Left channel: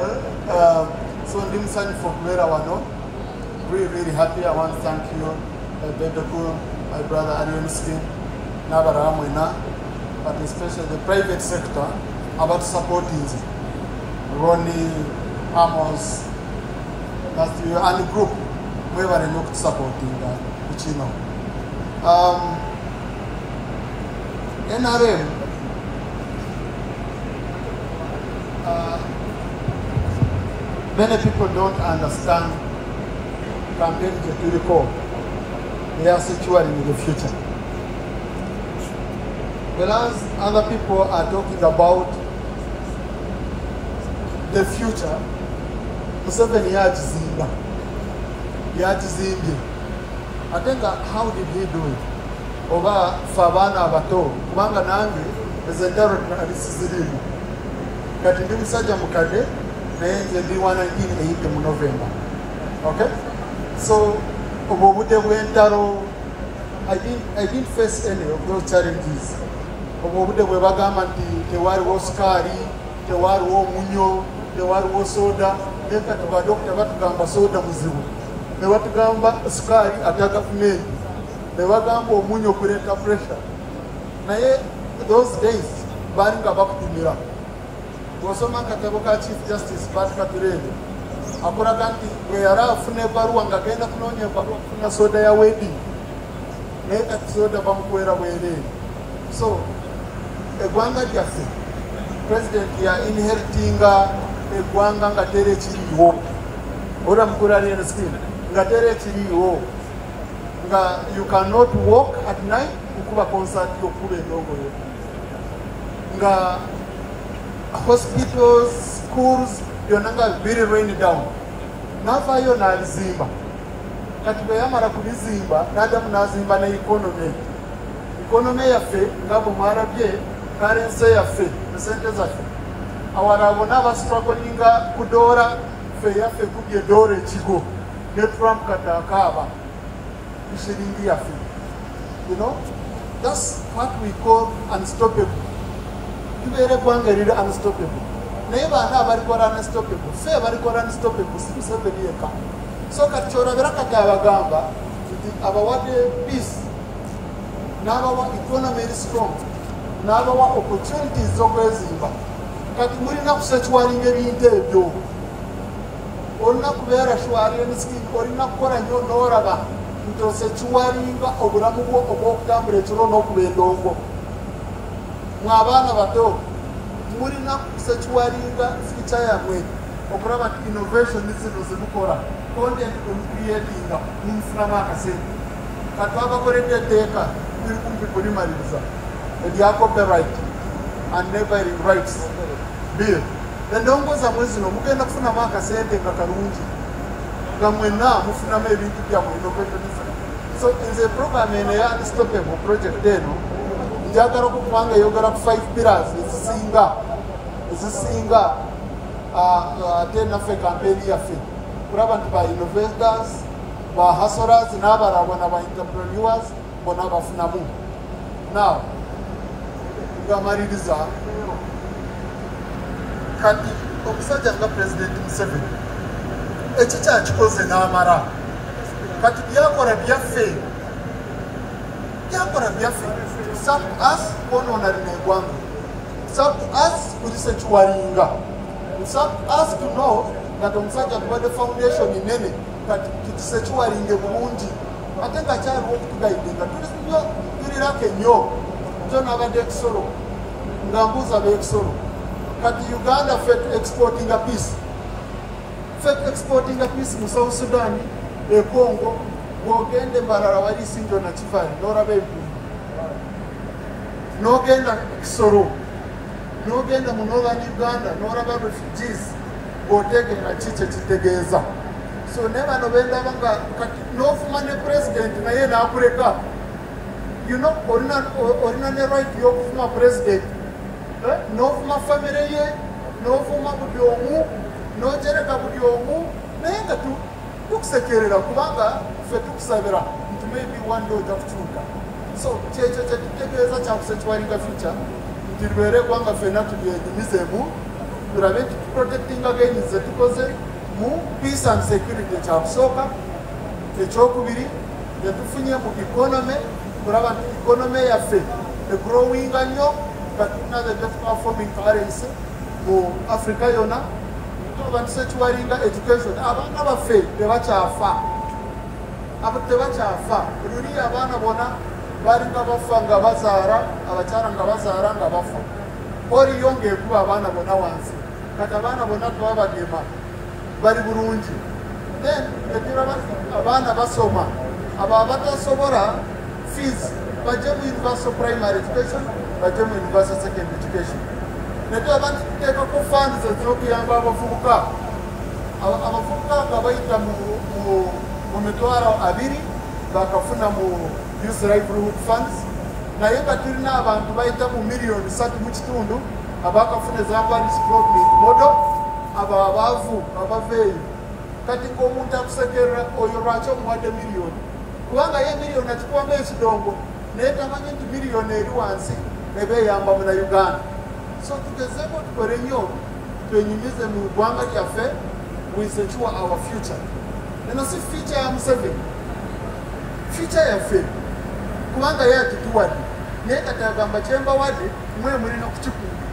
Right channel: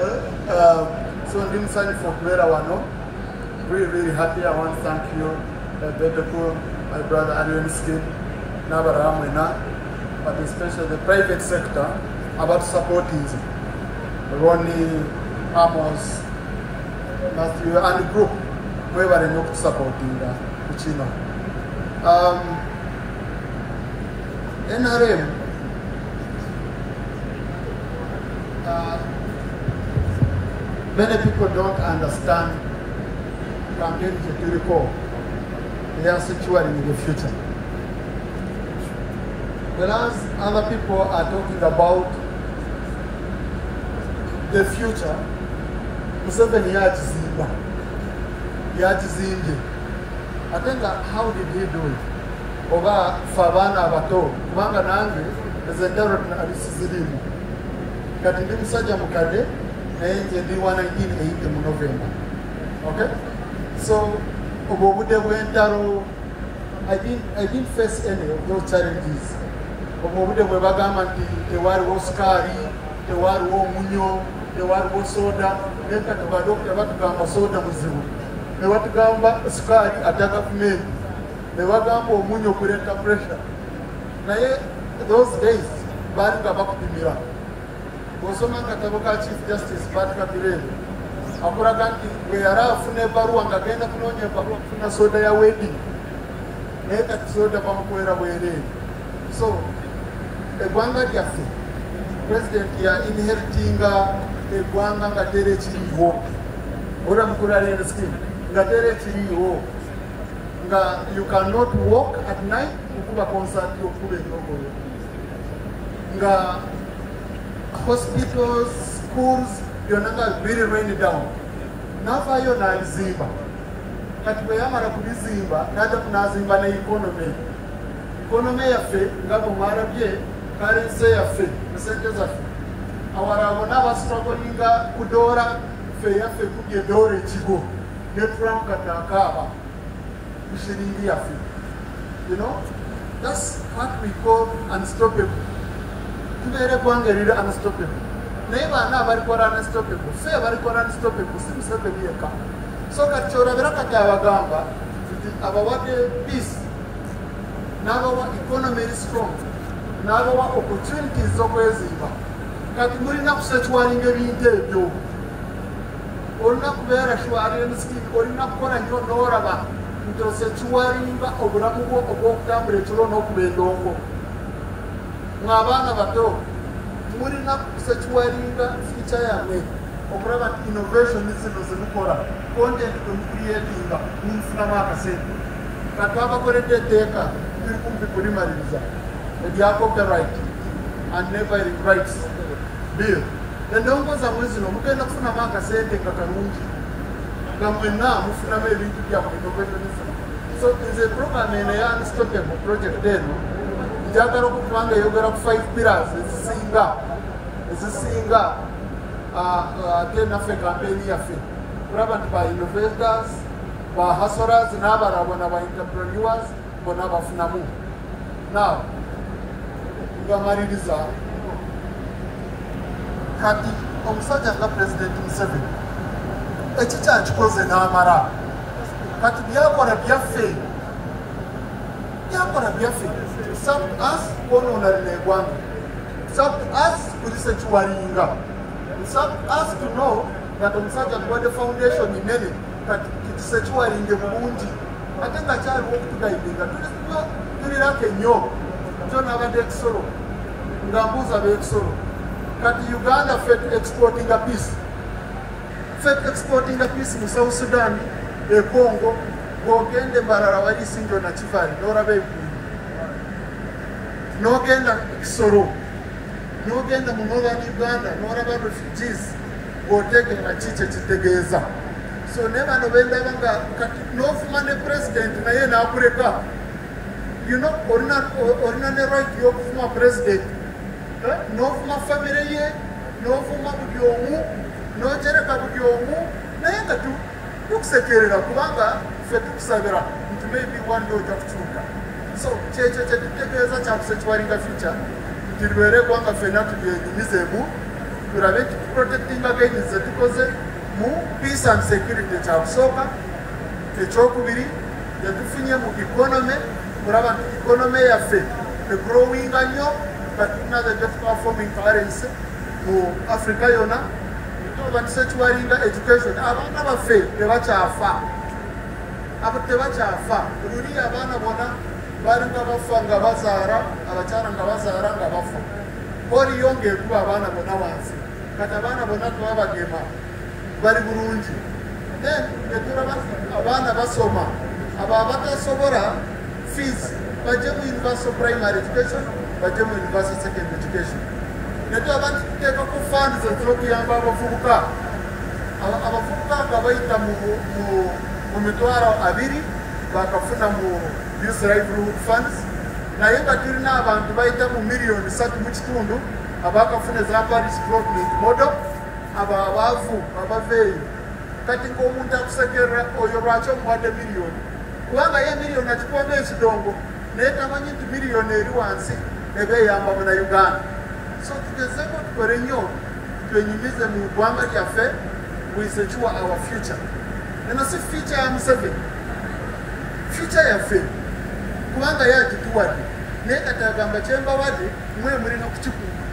So I'm sorry for Kumera Wano. Really happy. I want to thank you, Bebeku, my brother Ariel Skin, Nabara Mwina, but especially the private sector about supporting Ronnie, Amos, Matthew, and the group. We were not supporting that, which you know. NRM. Many people don't understand campaign to recall. They are securing in the future. Whereas other people are talking about the future, Museveni Yatizimbi. I think how did he do it? Oba Favana Bato, Manga Nangi, is a direct analysis. Kati Musaja Mukade, and the 1980 November. Okay? So, I didn't face any of those challenges. Obobude Webagamanti, the war was Kari, the war was Munyo, the war was Soda, then Katagamba Soda Muzu. The Watagamba Skari attack of me. The Wagambo Munyo Kureta pressure. Naye, those days, Baringa Bakumira. Gosoma Katabuka Chief Justice Patrick Pirelli. Akuraganti, we are Fune Baru and Gagena Kunonya Bakuna Soda ya wedding. Neta Soda Bamukwera wedding. So, Egwanga Jafi, President ya inheriting Egwanga Ngatere Chiriho. Ora Mkurare scheme. Ngatere Chiriho. You cannot walk at night, Ukuba concert, Yokule Dogo. Nga hospitals, schools, you're not very rainy down. Nafa yo na Zimba. Katubeyamara kubizimba, nadamu na Zimba na economy. Economy ya fe, ngabo marabye, currency ya fe, percentage ya fe. Awarabona ba strugglinga kudora fe ya fe kubye dore chigo. Ne Trump katakaba. Ishiringi ya fe. You know? That's what we call unstoppable. Tubere kwangerira unstoppable. Neiba na barikora unstoppable. Fe barikora unstoppable. Simusebe yeka. So kachora beraka kyabagamba abawade peace. Nabawa economy is strong. Nabawa opportunities zokwezimba. Kati muri na kusechwalinga ebintu ebyo. Olina kubeera shwari emiskini, olina kukola nnyo n'oraba nti osechwalinga obulamu bwo obw'okutambula ekiro n'okuba endongo. Abaana bato mulina kusechwalinga future yammwe okulaba nti innovation zino zimukola content creatinga munfunamu akasente. Kati abakoledde etteeka biri kumpi kulimaliriza erya copyright and neighboring rights bill. Endongo zammwe zino mugenda kufunamu akasente nga kalungi nga mwenna mufunamu ebintu byammwe innovation. So nze program eno ya Unstoppable project eno njagala okukubanga eyogera ku 5 pillars ezisinga ate naffe campaign yaffe kulaba nti ba innovators, ba hustlers n'abalabona ba entrepreneurs bona bafunamu. Now ngamaliriza kati omusajja nga President Museveni ekikyakikoze n'amara kati byakola byaffe some us onona linegwanga, some us kulisechuwalinga, some us to know that omusajja tuwadde foundation inene kati kitisechuwalinge bulungi ate nga kyaliwo okutugayidinga tulirako ennyo njo n'abadde ekisolo nga mbuuza b'ekisolo kati Uganda fet exporting a peace mu South Sudan e Congo bw'ogende Mbarara wali Sinjo na Kivali n'oraba eggulu n'ogenda Kisoro n'ogenda mu Northern Uganda n'oraba refugees bw'otegeera kiki ekitegeeza. So ne bano bendaba nga kati n'ofuma ne president naye n'akuleka. You know, olina ne right y'okufuma president n'ofuma famire ye n'ofuma buli omu n'ogyereka buli omu naye nga tukusekerera kubanga ffe tukusabira nti maybe one day ojja kukyuka. So kyekyo kyetutegeeza kyakusekiwalinga future nti libeere eggwanga ffenna tulyenyumizeemu turabe protecting against zetukoze mu peace and security kyakusooka. Ekyokubiri tetufunye mu economy, kuraba nti economy yaffe growing nnyo katulina the best performing currency mu Africa yonna. Nitoba nti sekiwalinga education, abaana baffe tebakyafa, abo tebakyafa. Luli abaana bona balinga bafa nga bazaara, abakyala nga bazaara nga bafa. Oriyo ng'ekuba abaana bona wansi, kati abaana bona twabagema bali bulungi. Then netulaba nti abaana basoma, abo abatasobola fees bajje mu universal primary education, bajje mu universal secondary education. Netulaba nti tuteekako funds ez'okuyamba abavubuka. Abavubuka nga bayita mu mitwalo 2 bakafuna mu youth livelihood funds, naye nga tulina abantu bayita mu miliyoni 3.5 abakafuna za Paris Development Model, abo abaavu abaveeyo. Kati ng'omuntu akusekerera oyo lwaki omuwadde miliyoni, kubanga ye miliyoni akikuwamu ekidongo naye tamanyi nti miliyoni eri wansi ebeeyamba mu Uganda. So tugezeeko tukole nnyo twenyumize mu ggwanga lyaffe, we secure our future. Eno si future ya Museveni, future yaffe, kubanga ye agituwadde naye kati agamba kyembawadde mwe mulina okukikuuma.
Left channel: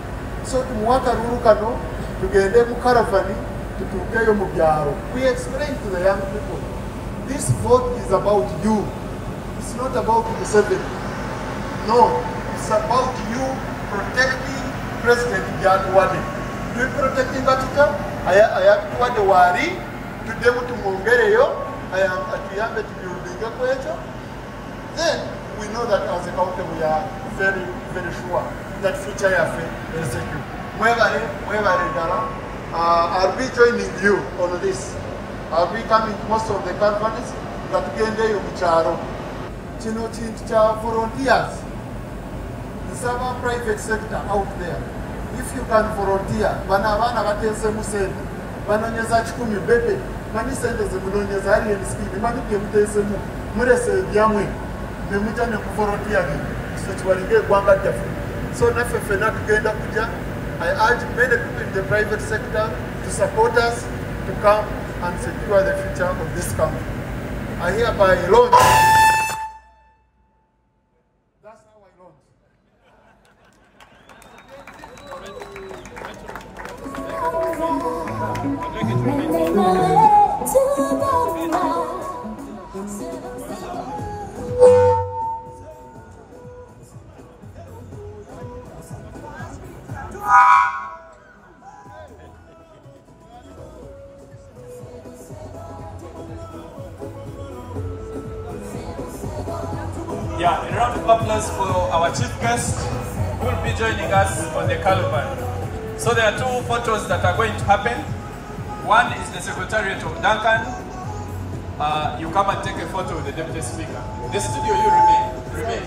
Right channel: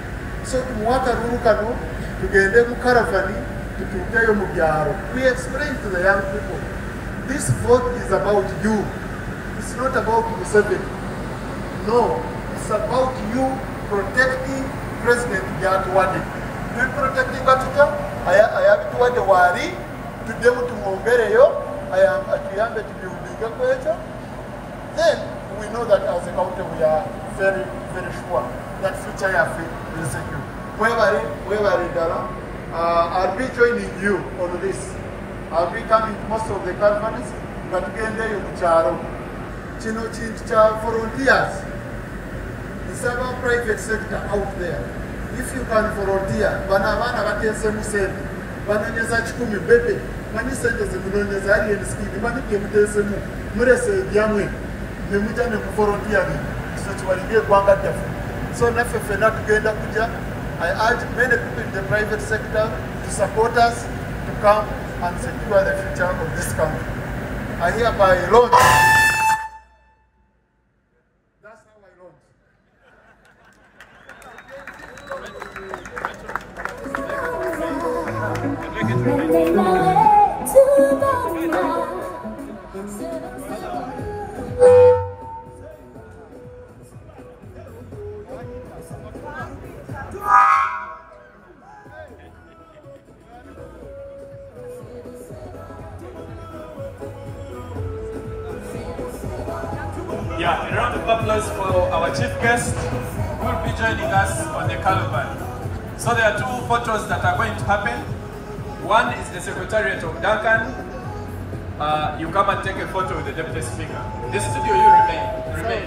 So tumuwaka lulu kano tugende mu karavani tutuukeyo mu byalo. We explain to the young people, this vote is about you. It's not about Museveni. No, it's about you protecting President Jatuwade. We protecting Gatuko, ayabituwade wari, tudemu tumuongereyo, atuyambe tubiubiga kwecho. Then we know that as a country we are very, very sure that future yafe is secure. Wherever Dara, I'll be joining you on this. I'll be coming to most of the conferences that tugendeyo mu kyalo. Kino kintu kya volunteers. It's about private sector out there. If you can volunteer, bana abana bateesemu sente, banonyeza 10 bebe, mani sente zimunonyeza ali ensiki, mani bye muteesemu, murese ebyamwe, ne mutya ne ku volunteer so kiwalinga eggwanga lyaffe. So naffe ffenna tugenda kujja. I urge many people in the private sector to support us to come and secure the future of this country. I hereby launch. That's how I launch. Yeah, a round of applause for our chief guest who will be joining us on the caravan. So there are 2 photos that are going to happen. One is the Secretariat of Duncan. You come and take a photo with the Deputy Speaker. The studio, you remain.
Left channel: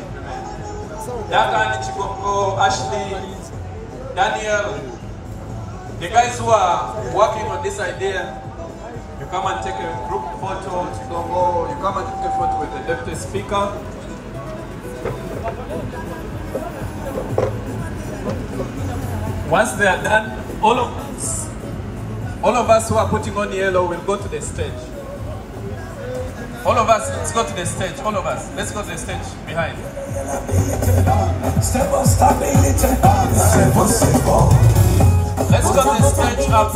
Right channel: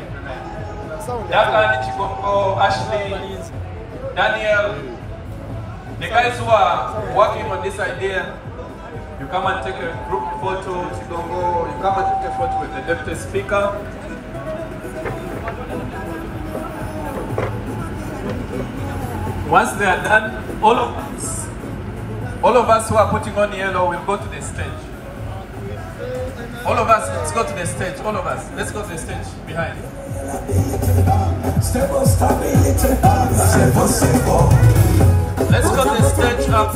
Duncan, Chikongo, Ashley, Daniel, the guys who are working on this idea, you come and take a group photo. Chikongo, you come and take a photo with the Deputy Speaker. Once they are done, all of us who are putting on yellow will go to the stage. All of us, let's go to the stage. All of us, let's go to the stage behind. Let's go to the stage up.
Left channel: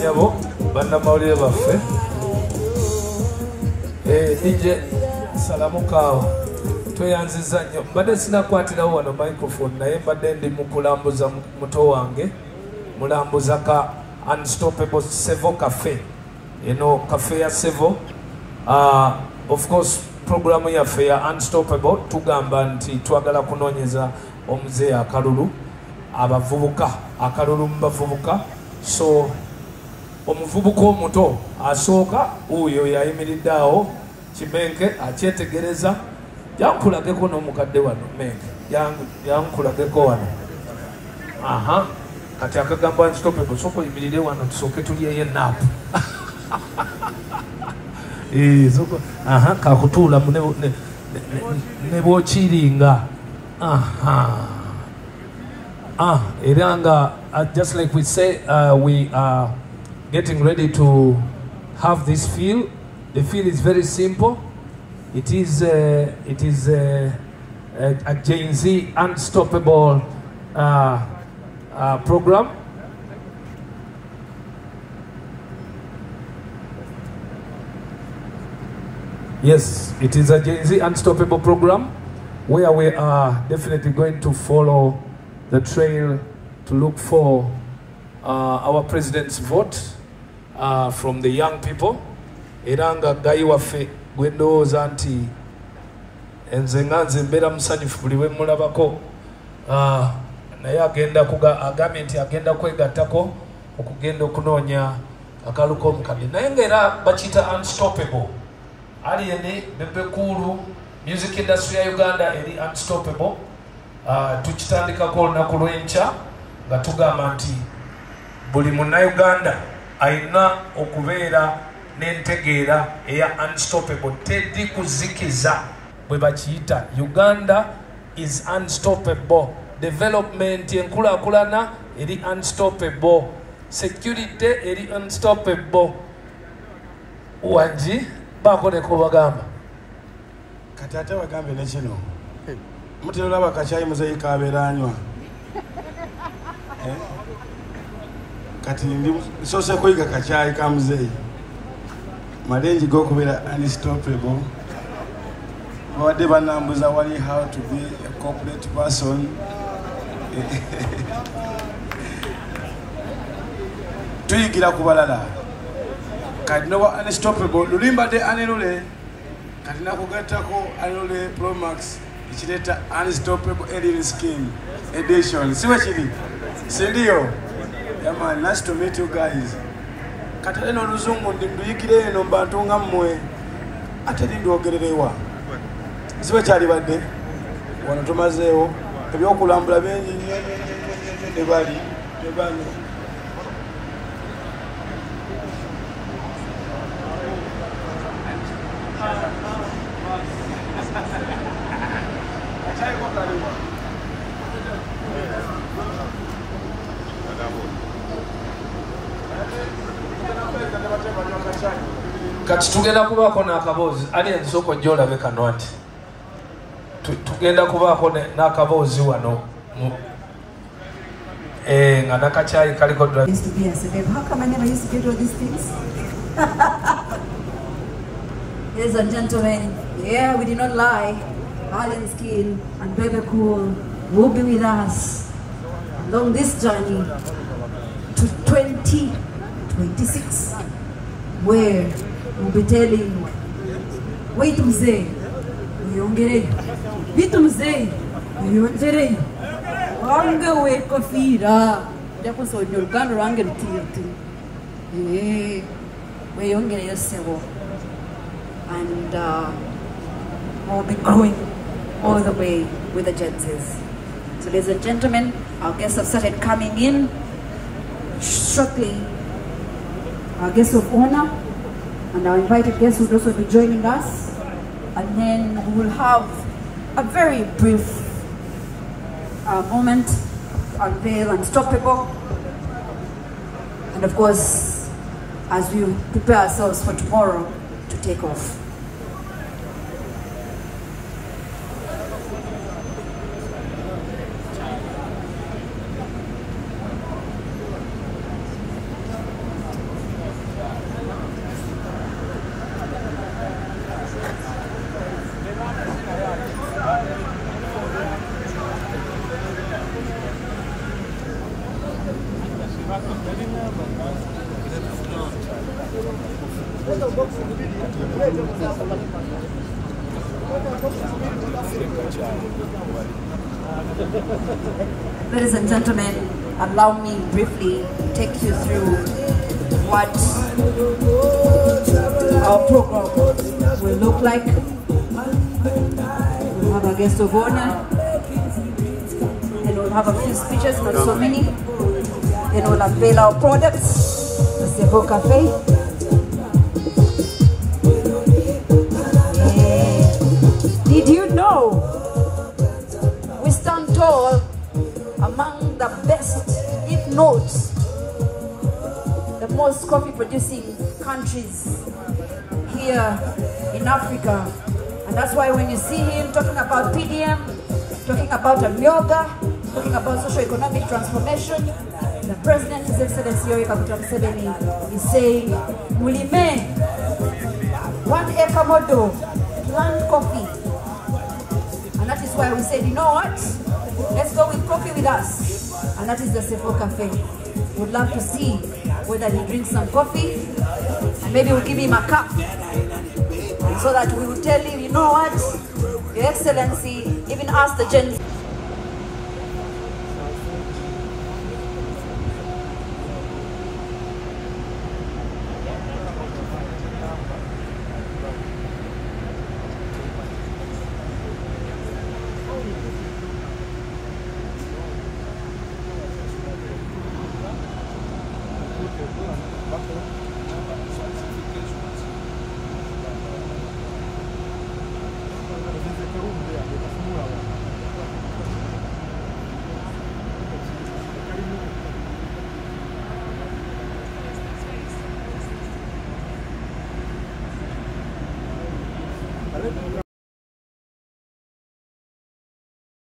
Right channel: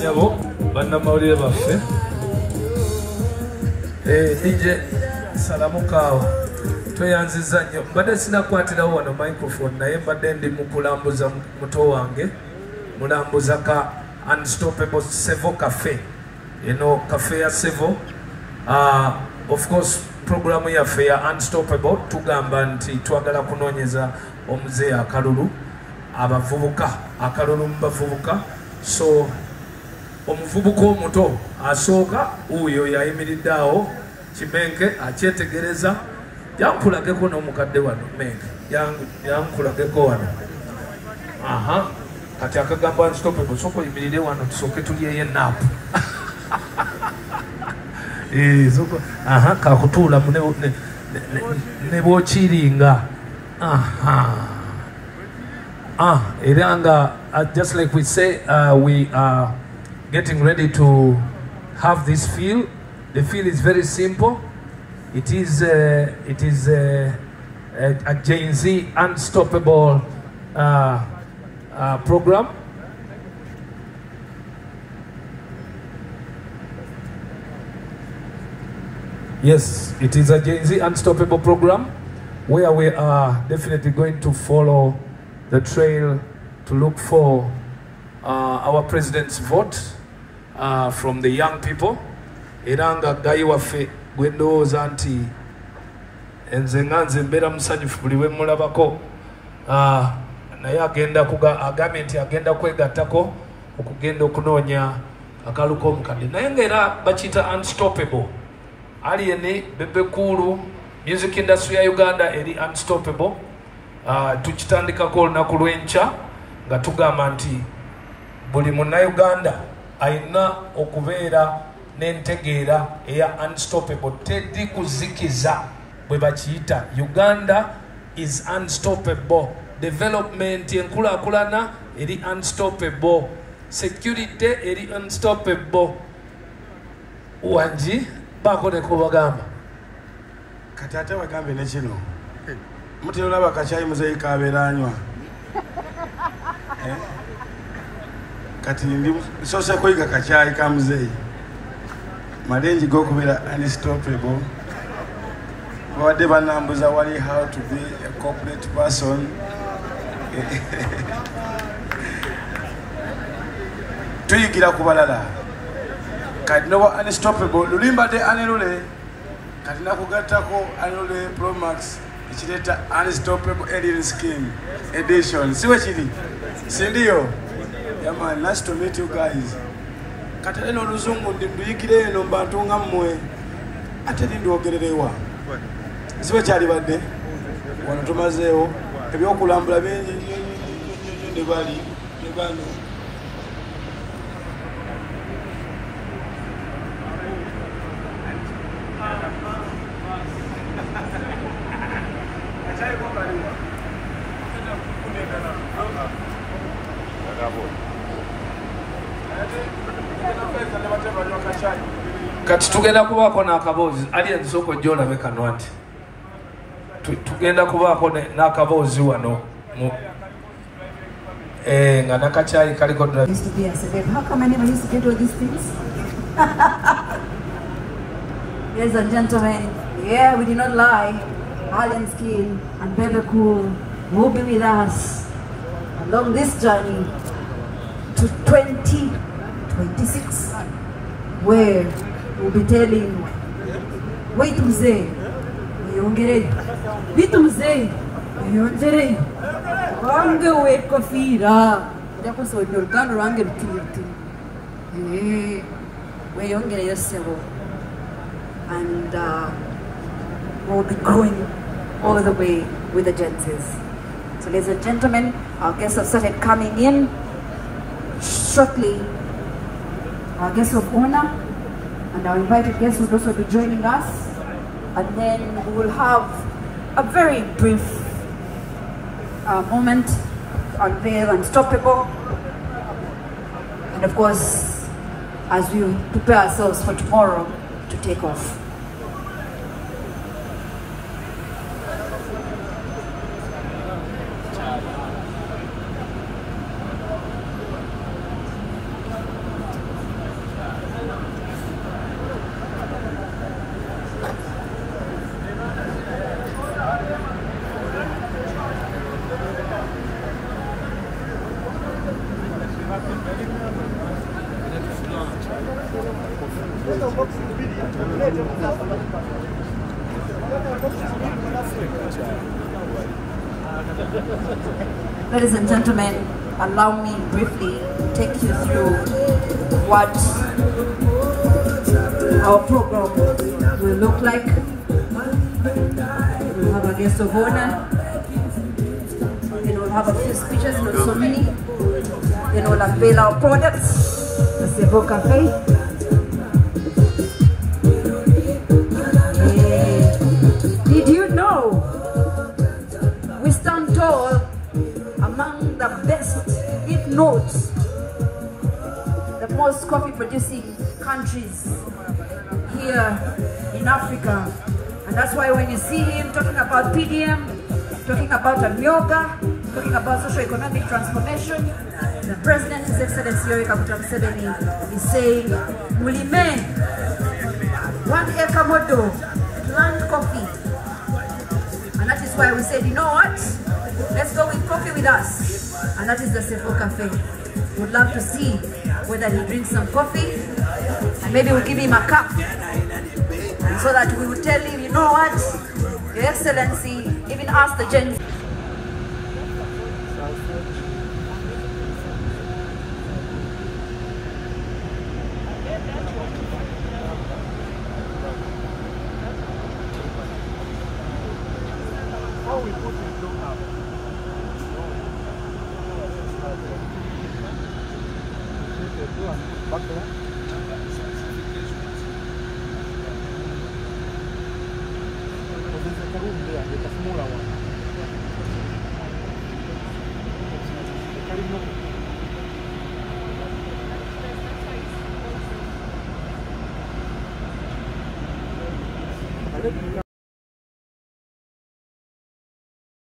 Yabo, banda mawulire baffe. Nije salamu kaawa. Tweyanziza nnyo. Mbadde sinakwatirawo wano microphone naye mbadde ndi mu kulambuza muto wange. Mulambuza ka Unstoppable Sevo Cafe. Cafe ya Sevo. Of course, programu yaffe ya Unstoppable tugamba nti twagala kunoonyeza omuzeeyi akalulu. Abavubuka, akalulu mu bavubuka. So, omuvubuka omuto asooka uyo yayimiridde awo Kimenke akyetegereza yankulageko n'omukadde wano Menke yankulageko wano kati akagambo unstoppable soko yimirire wano tusoke tuliye nap soko kakutula ne bochiringa Iranga, just like we say, we are getting ready to have this feel. The feel is very simple. It is a Gen Z Unstoppable program. Yes, it is a Gen Z Unstoppable program where we are definitely going to follow the trail to look for our president's vote from the young people. Iranga gayi waffe gwendowooza nti enze nga nze mbeera musanyufu buli we mulabako naye agambye nti agenda kwegattako okugenda okunoonya akalu k'omukadde naye ngaera bakiyita unstoppable aliyeni bebekulu music industry ya Uganda eri unstoppable. Tukitandikako olunaku lw'enkya nga tugamba nti buli munnauganda alina okubeera n'entegeera eya unstoppable, teri kuzikiza bwe bakiyita. Uganda is unstoppable. Development enkulaakulana eri unstoppable. Security eri unstoppable. Wanji baako ne kubagamba kati ate bagambe ne kino mutera olaba kacaayi muzeeyi kabeera anywa kati ndi soose kuyiga kacaayi ka muzeeyi malengi g'okubeera unstoppable. Babadde banambuza wali how to be a corporate person. Tuyigira ku balala kati noba unstoppable lulimbadde anelule kati nakugattako anelule Pro Max ekireta Unstoppable Alien Scheme Edition. Siwe kiri? Sindiyo? Yeah man, nice to meet you guys. Kati eno oluzungu ndi mduyikire eno mbantu nga mmwe ate ndi ogererewa. Siwe kyali badde? Wano tumazeewo ebyokulambula bingi ne bali ne bano. Kati tugenda kubaako n'akaboozi ali ensoko gy'olabe kano ati tugenda kubaako n'akaboozi wano nga nakacaayi kaliko How come I never used to get all these things? Ladies and gentlemen, yeah, we did not lie. Alien Skin and Baby Cool will be with us along this journey to 2026, where we'll be telling, wait to say, wait to say, Range wait kafira, jako so nyolkan range mkirti, we yongere yourself, and we'll be growing all the way with the Genses. So ladies and gentlemen, our guests have started coming in. Shortly, our guest of honor and our invited guests will also be joining us. And then we will have a very brief moment to unveil Unstoppable. And of course, as we prepare ourselves for tomorrow to take off. Ladies and gentlemen, allow me briefly to take you through what our program will look like. We'll have a guest of honor, then we'll have a few speeches, not so many. can all unveil our products. The Sevo Cafe. Did you know we stand tall among the best, if not the most coffee producing countries here in Africa? And that's why when you see him talking about PDM, talking about yoga, talking about socio-economic transformation, the President, His Excellency Yoweri Kaguta Museveni, is saying, Mulime, 1 acre model, plant coffee. And that is why we said, you know what? Let's go with coffee with us. And that is the Sevo Cafe. We'd love to see whether he drinks some coffee, and maybe we'll give him a cup, so that we will tell him, you know what, Your Excellency, even ask the Gen Z. Okay.